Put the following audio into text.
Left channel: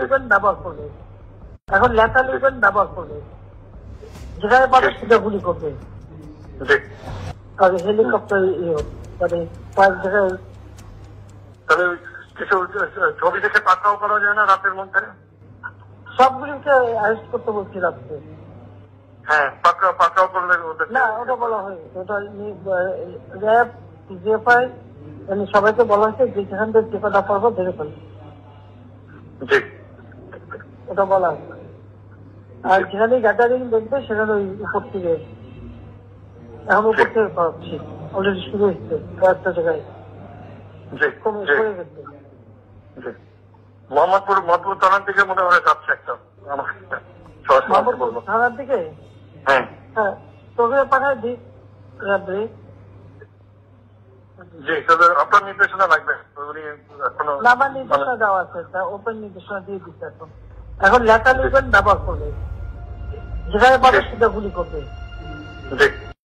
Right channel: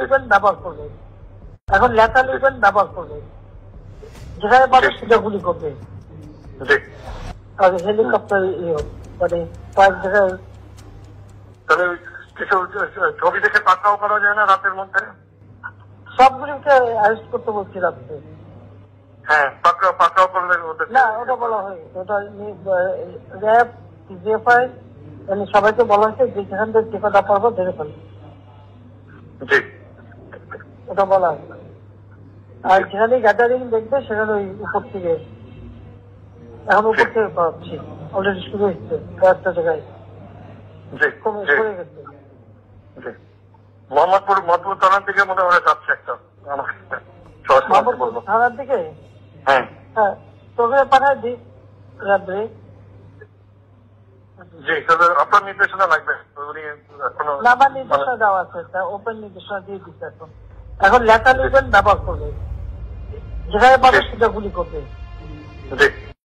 ব্যবহার করবে, এখন লেখা লিখবেন ব্যবহার করবে, যেখানে পাবে সেটা গুলি করবে। হেলিকপ্টার মানে কয়েক জায়গায় ছবি দেখে পাকড়াও করা যায় না রাতের মধ্যে? সবগুলিকে অ্যারেস্ট করতে বলছি রাত্রে। হ্যাঁ, পাকড়াও করলে না, ওটা বলা হয়, ওটা র্যাব জিএফআই সবাইকে বলা হচ্ছে যে যেখান থেকে টিকাটা পারবো ধরে ফেলবে, ওটা বলা হয়। আর যেখানে গ্যাদারিং দেখবে সেখানে ওই উপর থেকে, এখন উপর থেকে পাচ্ছি অলরেডি শুরু হচ্ছে কয়েকটা জায়গায় সরে গেছে। মোহাম্মদপুর থানার দিকে মনে হয় যাচ্ছে একটা থানার দিকে। হ্যাঁ, তোকে পাঠায় দিই রাত্রে। জি, তবে আপনার নির্দেশনা লাগবে। না, আমার নির্দেশনা দেওয়া আছে, ওপেন নির্দেশনা দিয়ে দিচ্ছে। এখন লেখা লিখবেন ব্যবহার করবে, যেখানে পাবে সেটা গুলি করবে। জি।